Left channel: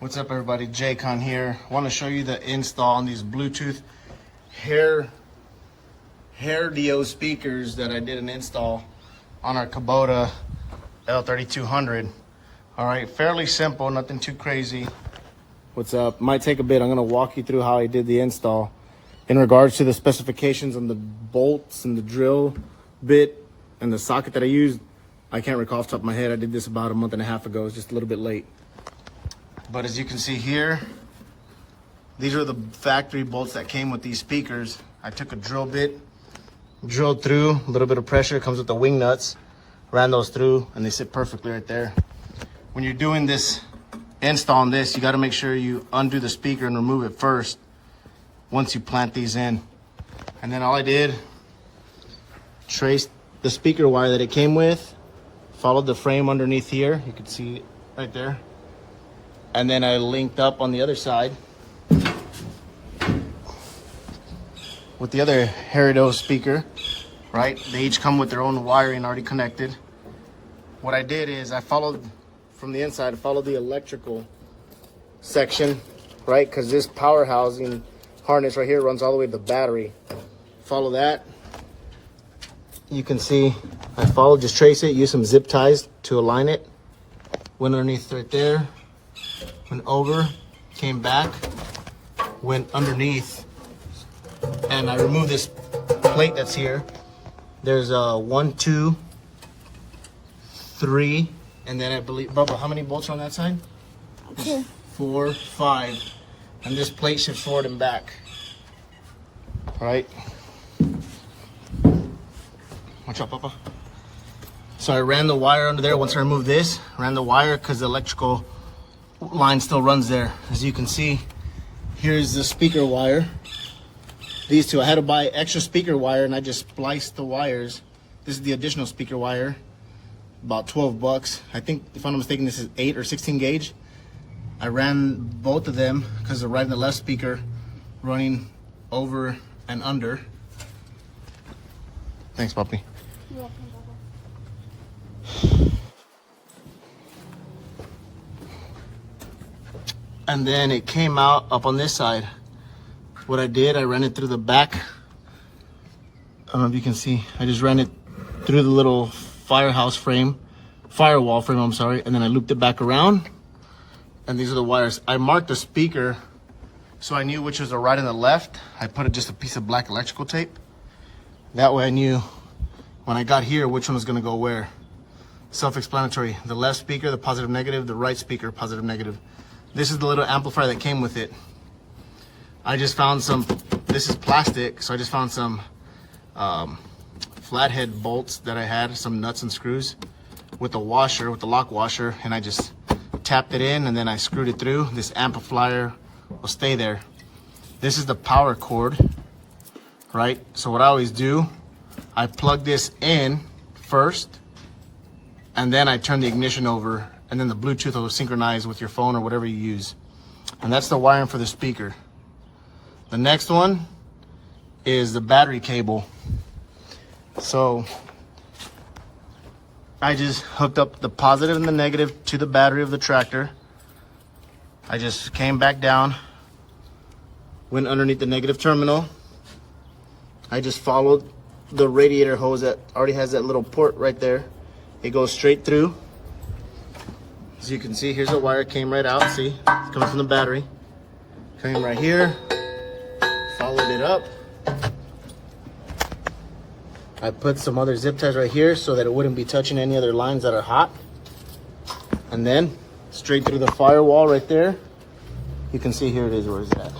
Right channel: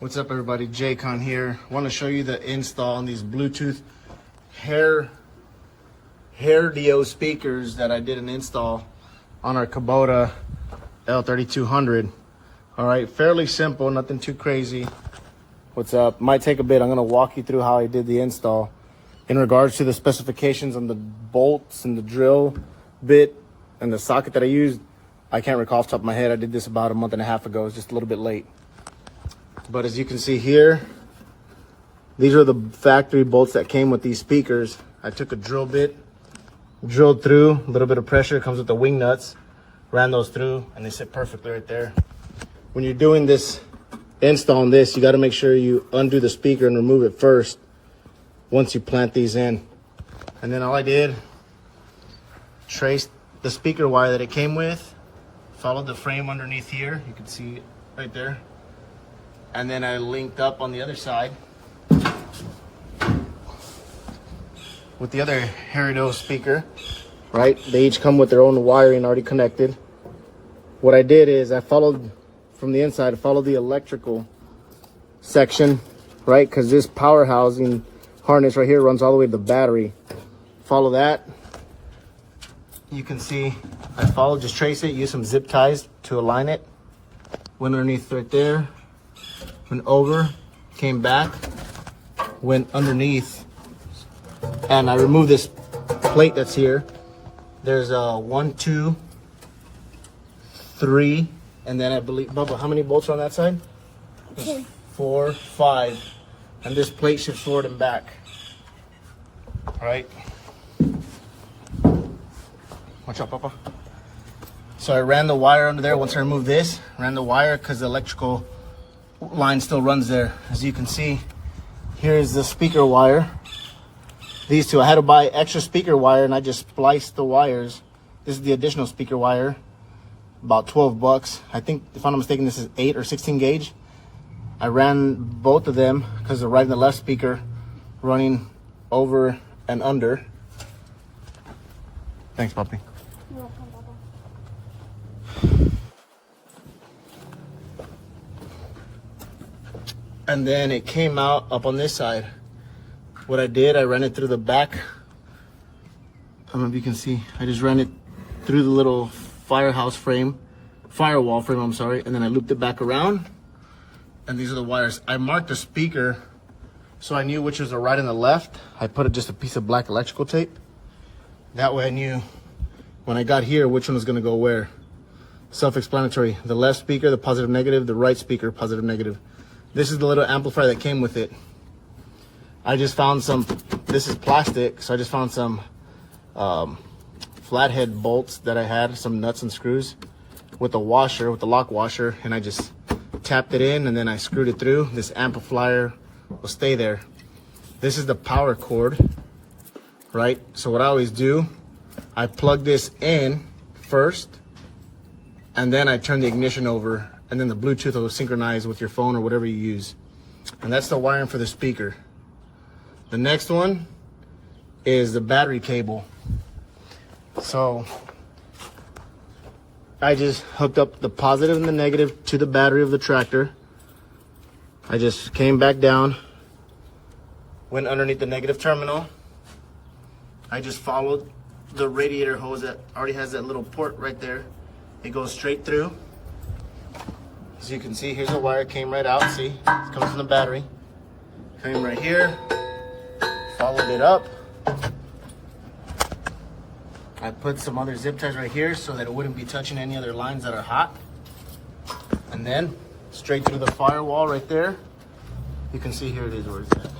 What's up, everybody? Jaycon here. I want to show you the install on these Bluetooth Herdio speakers that I did an install on our Kubota L3200. All right, fairly simple, nothing too crazy. What's up? Might take a bit. I'm going to walk you through how I did the install in regards to the specifications on the bolts and the drill bit and the socket that I used. I can't recall off the top of my head. I did this about a month and a half ago. It's just a little bit late. But as you can see here, these are the factory bolts that came with these speakers. I took a drill bit, drilled through, a little bit of pressure, comes with the wing nuts, ran those through, and they sit perfectly right there. When you're doing this install on this, you got to make sure you undo the speaker and remove it first once you plant these in. And then all I did, traced the speaker wire that it came with, followed the frame underneath here, you can see it right there, and then I linked up on the other side with the other Herdio speaker, right? They each come with their own wiring already connected. What I did is I followed from the inside, I followed the electrical section, right? Because this power housing harness right here runs all the way to the battery. Follow that. You can see I followed, just trace it, use some zip ties to align it. Went underneath right there, went over, came back, went underneath, and I removed this plate that's here. There's a 1, 2, 3, and then I believe, Bubba, how many bolts are on that side? 2, 4, 5, and this plate shifts forward and back. All right. Watch out, Papa. So I ran the wire under there. Once I removed this, ran the wire because the electrical line still runs there. As you can see, here's the speaker wire. These two, I had to buy extra speaker wire and I just spliced the wires. This is the additional speaker wire, about 12 bucks. I think, if I'm not mistaken, this is 8 or 16 gauge. I ran both of them because the right and the left speaker running over and under. Thanks, puppy. You're welcome, Bubba. And then it came out up on this side. What I did, I ran it through the back. I don't know if you can see. I just ran it through the little firewall frame, I'm sorry, and then I looped it back around. And these are the wires. I marked the speaker so I knew which was the right and the left. I put just a piece of black electrical tape. That way I knew when I got here which one was gonna go where. Self-explanatory. The left speaker, the positive negative, the right speaker, positive negative. This is the little amplifier that came with it. I just found some, this is plastic, so I just found some flathead bolts that I had, some nuts and screws with the washer, with the lock washer, and I just tapped it in and then I screwed it through. This amplifier will stay there. This is the power cord, right? So what I always do, I plug this in first, and then I turn the ignition over, and then the Bluetooth will synchronize with your phone or whatever you use. And that's the wiring for the speaker. The next one is the battery cable. So I just hooked up the positive and the negative to the battery of the tractor. I just came back down, went underneath the negative terminal. I just followed the radiator hose that already has that little port right there. It goes straight through. As you can see, here's the wire, came right out, see? It comes from the battery. Came right here, followed it up. I put some other zip ties right here so that it wouldn't be touching any other lines that are hot. And then straight through the firewall right there. You can see, here it is, where is that?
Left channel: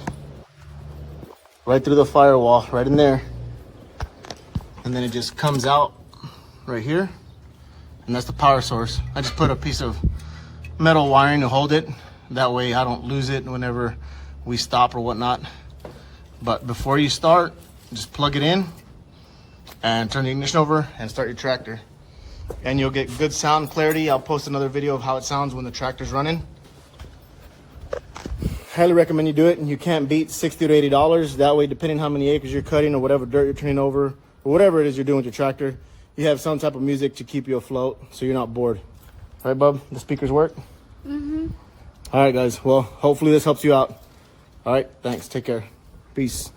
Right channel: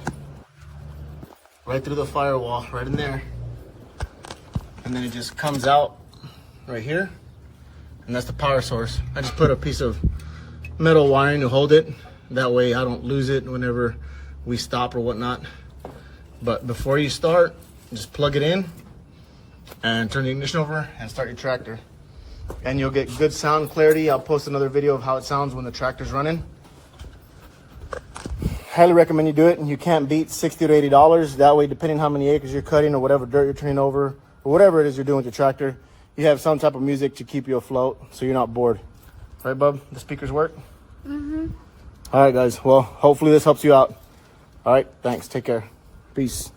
Right through the firewall, right in there. And then it just comes out right here. And that's the power source. I just put a piece of metal wiring to hold it. That way I don't lose it whenever we stop or whatnot. But before you start, just plug it in and turn the ignition over and start your tractor. And you'll get good sound clarity. I'll post another video of how it sounds when the tractor's running. Highly recommend you do it, and you can't beat $60 to $80. That way, depending on how many acres you're cutting or whatever dirt you're turning over, or whatever it is you're doing with your tractor, you have some type of music to keep you afloat so you're not bored. Right, bub? The speakers work? Mm-hmm. All right, guys. Well, hopefully this helps you out. All right. Thanks. Take care. Peace.